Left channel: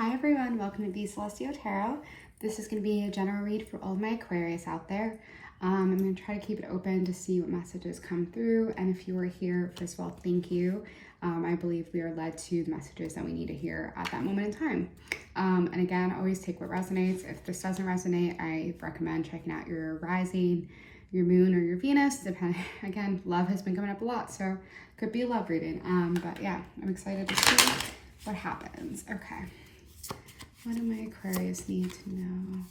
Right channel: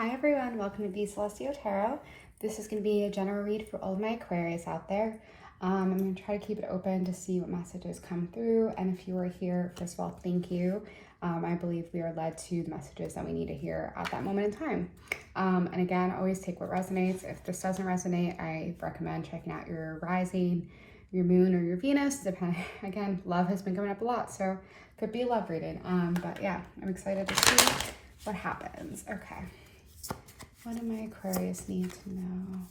Hi everyone, welcome to the Celestial Tarot. This is going to be a general read for all of my Aquarius out there. I'm going to try to keep it open to see what messages come through, and if you are here, first of all, thank you. I believe we are led to the messages that we need to hear at that moment in time. And again, always take what resonates. If this doesn't resonate, I recommend checking out your rising, your moon, or your Venus. Again, love has been coming up a lot, so could be a love reading. But yeah, I'm excited to see what happens. Okay. What do my Aquarius need to know?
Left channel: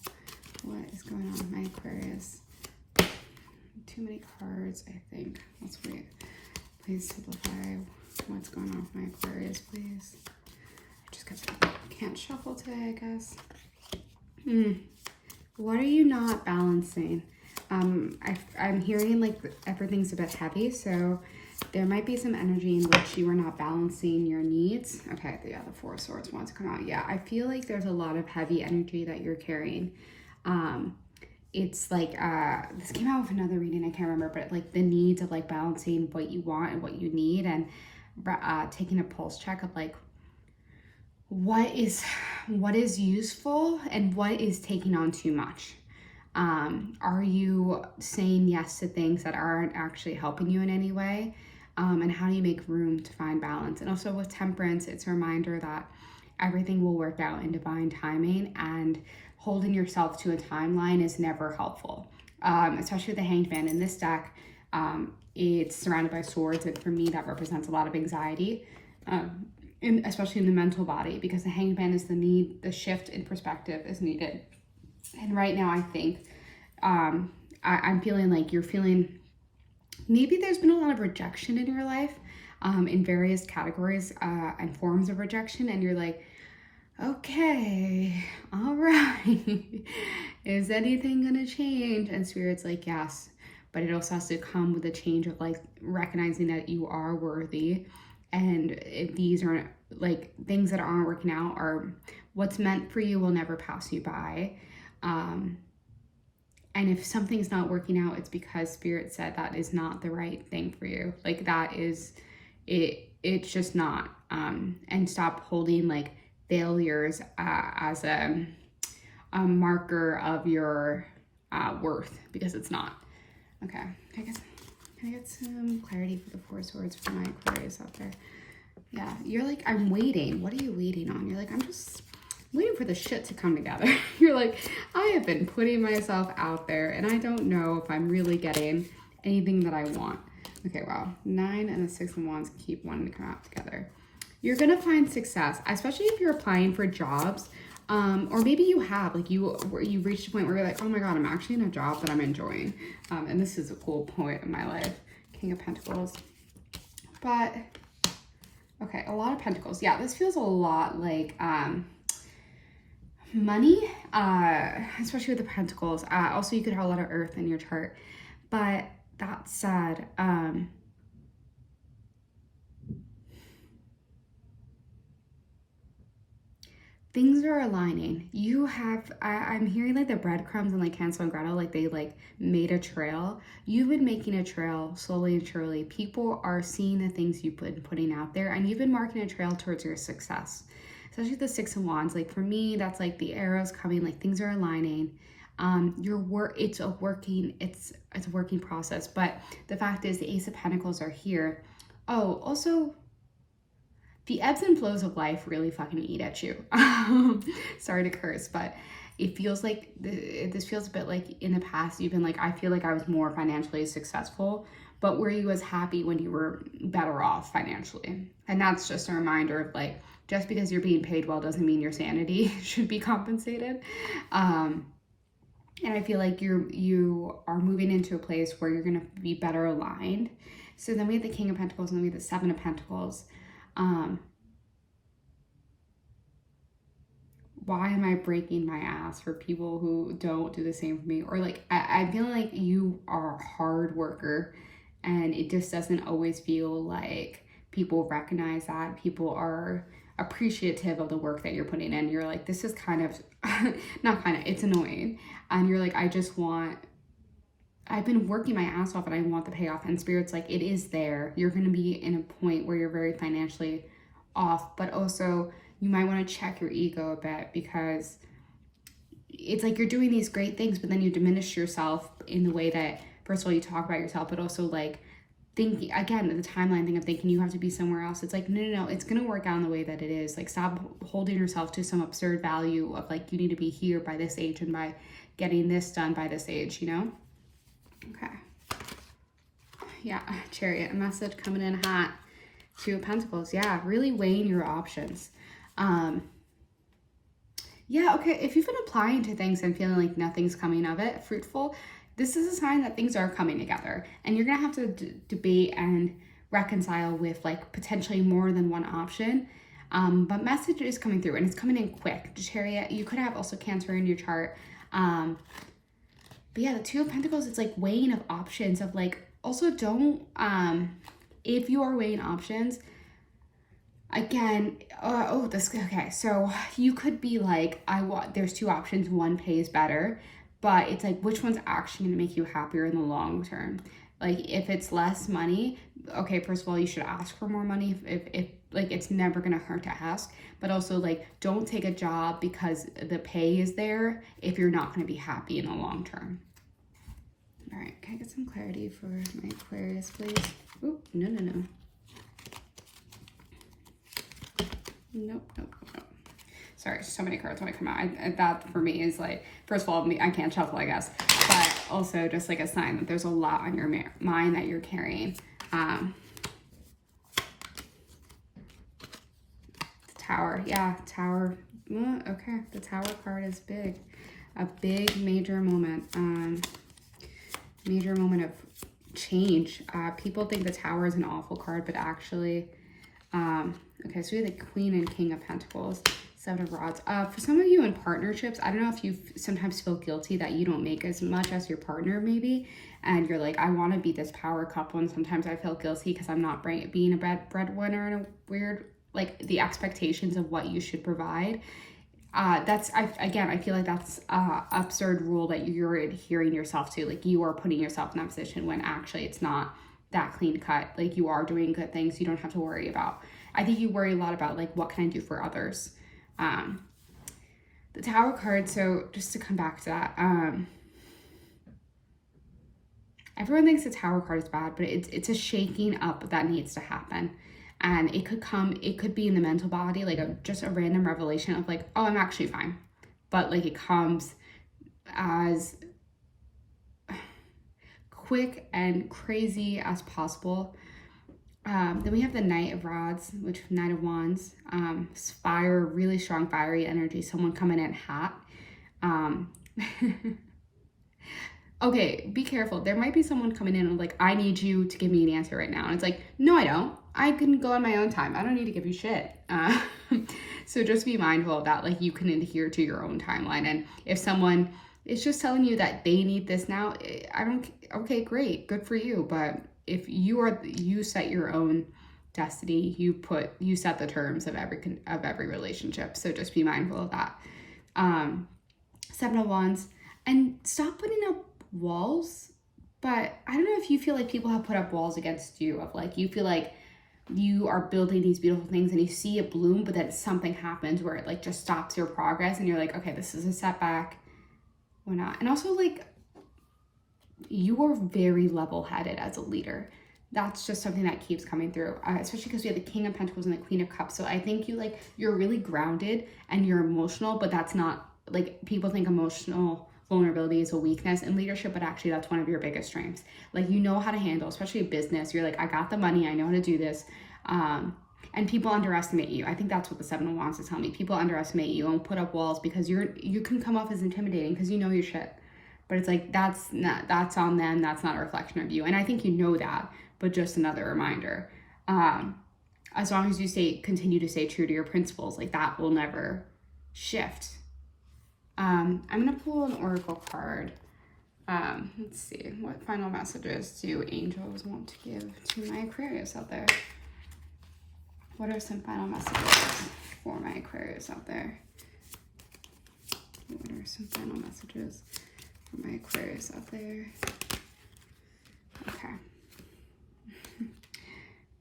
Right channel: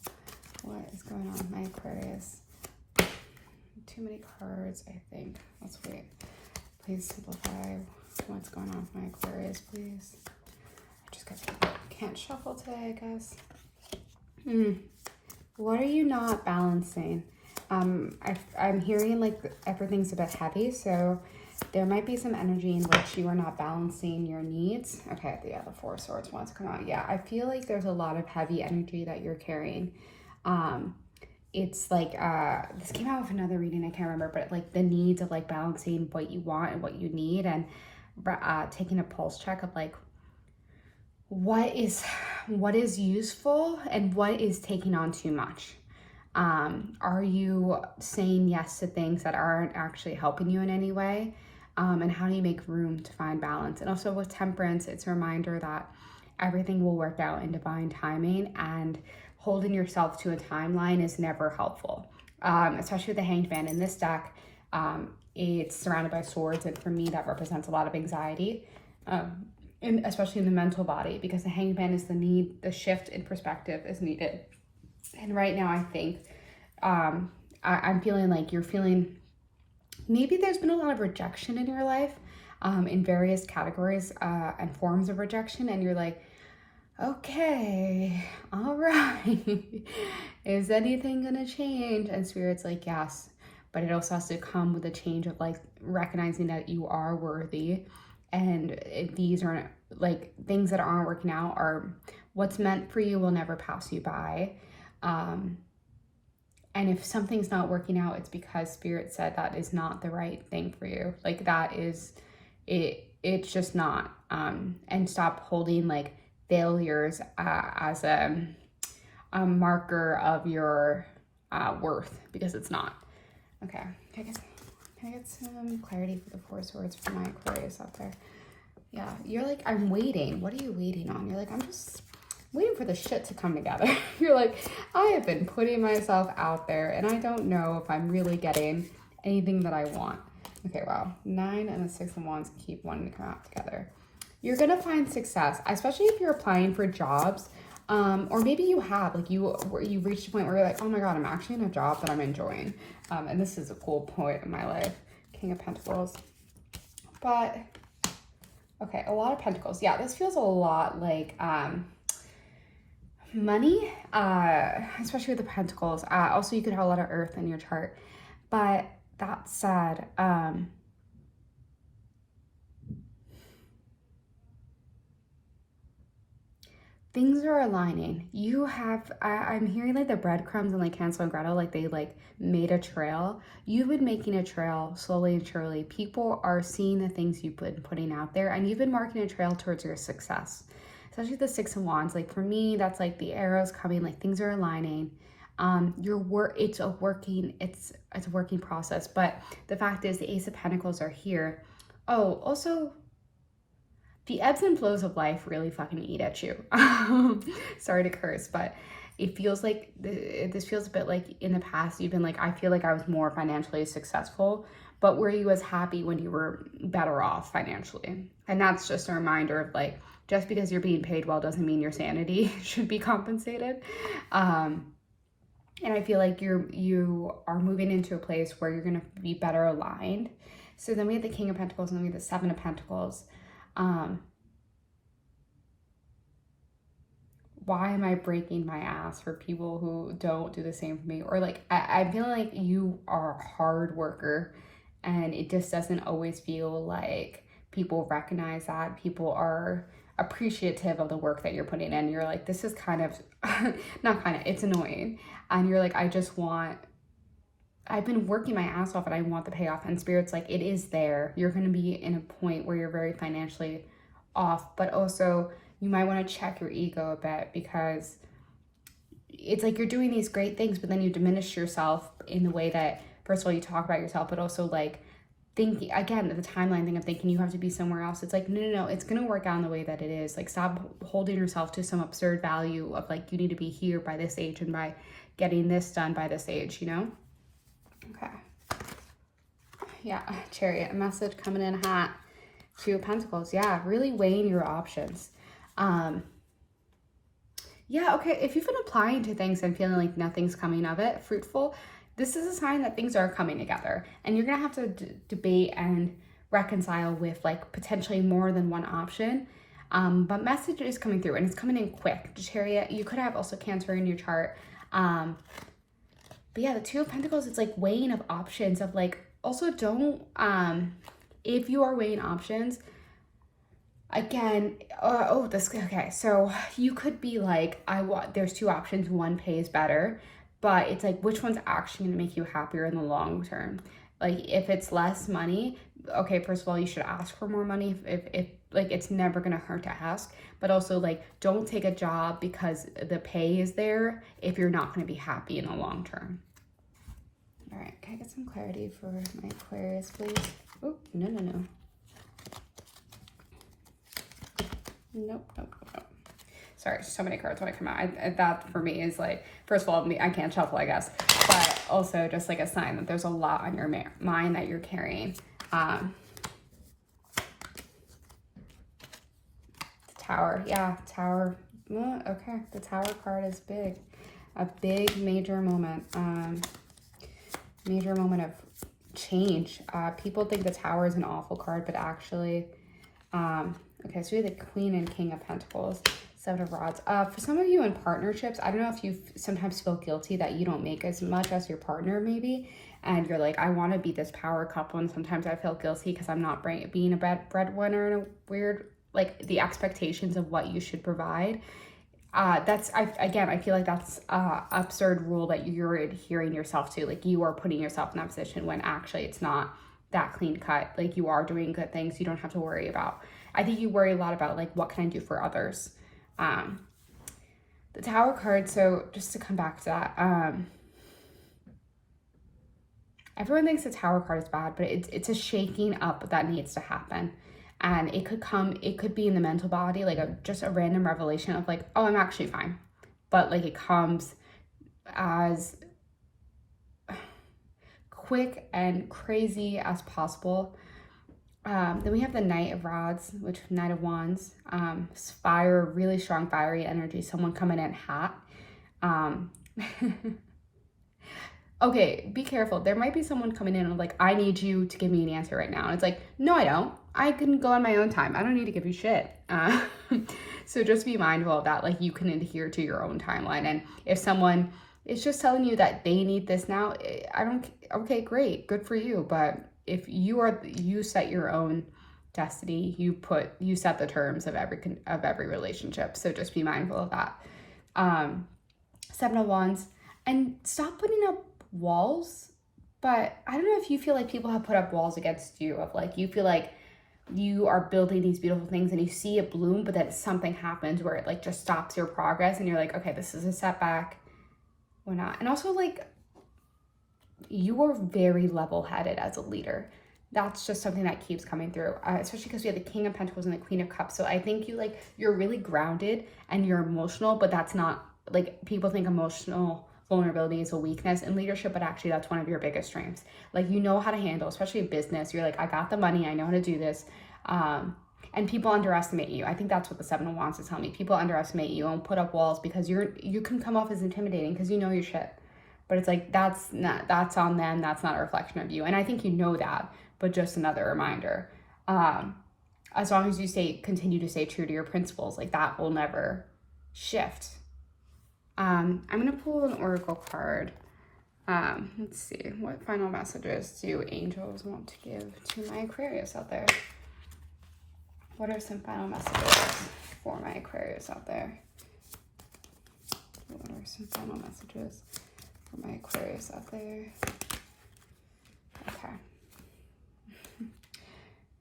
What is going on with my Aquarius? Too many cards, I think. Let's wait. Please simplify what's going on with my Aquarius, please. I just can't shuffle today, I guess. What are you not balancing? I'm hearing like everything's a bit heavy, so there might be some energy in which you are not balancing your needs. Okay, the Four of Swords wants to come out. Yeah, I feel like there's a lot of heavy energy that you're carrying. It's like, this came out with another reading, I can't remember, but like the needs of like balancing what you want and what you need, and taking a pulse check of like, what is useful and what is taking on too much. Are you saying yes to things that aren't actually helping you in any way? And how do you make room to find balance? And also with Temperance, it's a reminder that everything will work out in divine timing, and holding yourself to a timeline is never helpful. Especially with the Hanged Man in this deck, it's surrounded by swords, and for me that represents a lot of anxiety, especially in the mental body, because the Hanged Man is the shift in perspective is needed. And right now I think I'm feeling like you're feeling, maybe there's been a lot of rejection in your life, in various categories and forms of rejection, and you're like, okay, all right, is anything gonna change? And Spirit's like, yes, but it also has to come with a change of like recognizing that you are worthy, and these aren't like things that aren't working out, are what's meant for you will never pass you by. And if something's not working out, it's because Spirit said that is not the right thing for you. Like that is it, it's just not. And stop holding like failures as a marker of your worth, because it's not. Okay, can I get some clarity for the Four of Swords for my Aquarius out there? Yeah, you're like, I'm waiting. What are you waiting on? You're like, I'm just waiting for the shit to come together. You're like, I have been putting myself out there and I don't know if I'm really getting anything that I want. Okay, wow. 9 and the 6 of Wands keep wanting to come out together. You're gonna find success, especially if you're applying for jobs, or maybe you have, like you reached a point where you're like, oh my God, I'm actually in a job that I'm enjoying. And this is a cool point in my life. King of Pentacles. But, okay, a lot of Pentacles. Yeah, this feels a lot like, money, especially with the Pentacles. Also, you could have a lot of Earth in your chart, but that said, things are aligning. You have, I'm hearing like the breadcrumbs and like Hansel and Gretel, like they like made a trail. You've been making a trail slowly and surely. People are seeing the things you've been putting out there, and you've been marking a trail towards your success. Especially the 6 of Wands, like for me, that's like the arrows coming, like things are aligning. It's a working process. But the fact is, the Ace of Pentacles are here. Oh, also, the ebbs and flows of life really fucking eat at you. Sorry to curse, but it feels like this feels a bit like in the past. You've been like, I feel like I was more financially successful, but were you as happy when you were better off financially? And that's just a reminder of like, just because you're being paid well doesn't mean your sanity should be compensated. And I feel like you are moving into a place where you're gonna be better aligned. So then we have the King of Pentacles, and then we have the 7 of Pentacles. Why am I breaking my ass for people who don't do the same for me? Or like, I feel like you are a hard worker, and it just doesn't always feel like people recognize that. People are appreciative of the work that you're putting in. You're like, this is kind of, it's annoying. And you're like, I've been working my ass off and I want the payoff. And Spirit's like, it is there. You're going to be in a point where you're very financially off, but also you might want to check your ego a bit, because it's like you're doing these great things, but then you diminish yourself in the way that, first of all, you talk about yourself, but also like think, again, the timeline thing of thinking you have to be somewhere else. It's like, no, it's going to work out in the way that it is. Like, stop holding yourself to some absurd value of like, you need to be here by this age and by getting this done by this age, you know? Okay. Yeah, Chariot, a message coming in hot. Two of Pentacles. Yeah, really weighing your options. Yeah, okay, if you've been applying to things and feeling like nothing's coming of it, fruitful, this is a sign that things are coming together, and you're gonna have to debate and reconcile with like potentially more than one option. But message is coming through, and it's coming in quick. Chariot, you could have also Cancer in your chart. But yeah, the Two of Pentacles, it's like weighing of options of like, also don't, if you are weighing options, again, okay, so you could be like, there's two options, one pays better, but it's like, which one's actually going to make you happier in the long term? Like, if it's less money, okay, first of all, you should ask for more money. If like, it's never going to hurt to ask, but also like, don't take a job because the pay is there if you're not going to be happy in the long term. All right, can I get some clarity for my Aquarius, please? Oh, no. Nope. Sorry, so many cards when I come out. That for me is like, first of all, I can't shuffle, I guess, but also just like a sign that there's a lot on your mind that you're carrying. Tower, yeah, Tower. Okay, the Tower card is big. A big, major moment. Major moment of change. People think the Tower is an awful card, but actually, okay, so we have the Queen and King of Pentacles, Seven of Rods. For some of you in partnerships, I don't know if you sometimes feel guilty that you don't make as much as your partner maybe, and you're like, I want to be this power couple, and sometimes I feel guilty because I'm not being a breadwinner in a weird, like, the expectations of what you should provide. I feel like that's a absurd rule that you're adhering yourself to. Like, you are putting yourself in that position when actually it's not that clean cut. Like, you are doing good things you don't have to worry about. I think you worry a lot about like, what can I do for others? The Tower card, so just to come back to that, everyone thinks the Tower card is bad, but it's a shaking up that needs to happen. And it could be in the mental body, like just a random revelation of like, oh, I'm actually fine. But like, it comes as quick and crazy as possible. Then we have the Knight of Rods, which Knight of Wands, fire, really strong fiery energy, someone coming in hot. Okay, be careful. There might be someone coming in and like, I need you to give me an answer right now. And it's like, no, I don't. I can go on my own time. I don't need to give you shit. So just be mindful of that. Like, you can adhere to your own timeline. And if someone is just telling you that they need this now, okay, great, good for you. But if you set your own destiny, you set the terms of every relationship. So just be mindful of that. Seven of Wands, and stop putting up walls. But I don't know if you feel like people have put up walls against you, of like, you feel like you are building these beautiful things and you see it bloom, but then something happens where it like just stops your progress and you're like, okay, this is a setback or not. And also, like, you are very level-headed as a leader. That's just something that keeps coming through, especially because we have the King of Pentacles and the Queen of Cups. So I think you're really grounded and you're emotional, but that's not, like, people think emotional vulnerability is a weakness in leadership, but actually that's one of your biggest strengths. Like, you know how to handle, especially business. You're like, I got the money, I know how to do this. And people underestimate you. I think that's what the Seven of Wands is telling me. People underestimate you and put up walls because you can come off as intimidating because you know your shit. But it's like, that's on them. That's not a reflection of you. And I think you know that, but just another reminder. As long as you continue to stay true to your principles, like, that will never shift. I'm going to pull an oracle card. Let's see. What final messages do angels want to give to my Aquarius out there? What are some final messages for my Aquarius out there? What are some final messages for my Aquarius out there? Okay.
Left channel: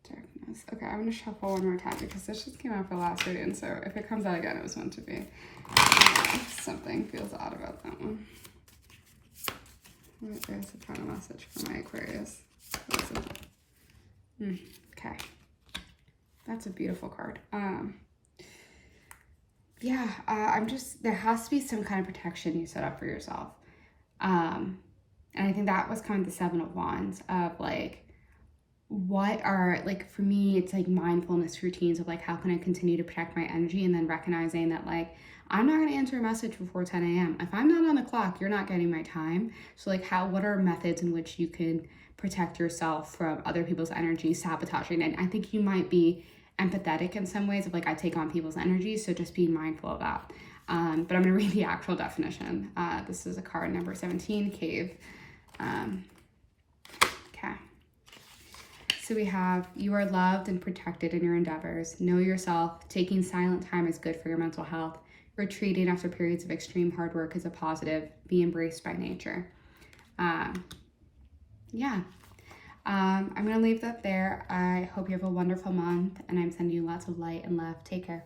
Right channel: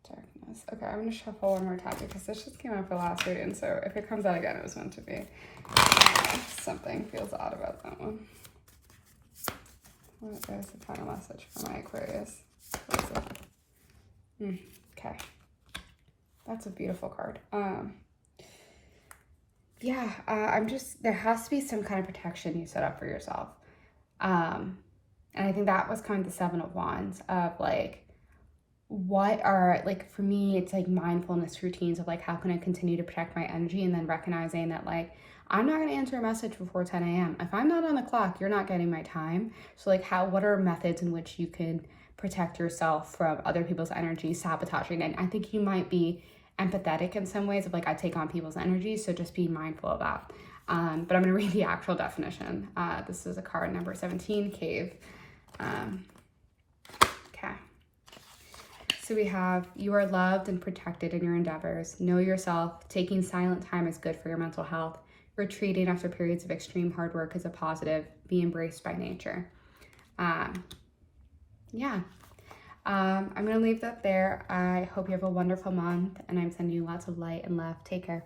Darkness. Okay, I'm gonna shuffle one more time because this just came out for last reading. So if it comes out again, it was meant to be. Something feels odd about that one. What is the final message for my Aquarius? What is it? Okay. That's a beautiful card. Yeah, there has to be some kind of protection you set up for yourself. And I think that was kind of the Seven of Wands of like, what are, like, for me, it's like mindfulness routines of like, how can I continue to protect my energy? And then recognizing that like, I'm not going to answer a message before 10 a.m. If I'm not on the clock, you're not getting my time. So like, what are methods in which you can protect yourself from other people's energy sabotaging? And I think you might be empathetic in some ways of like, I take on people's energy. So just be mindful of that. But I'm going to read the actual definition. This is a card number 17, Cave. Okay. So we have, you are loved and protected in your endeavors. Know yourself. Taking silent time is good for your mental health. Retreating after periods of extreme hard work is a positive. Be embraced by nature. Yeah. I'm going to leave that there. I hope you have a wonderful month, and I'm sending you lots of light and love. Take care.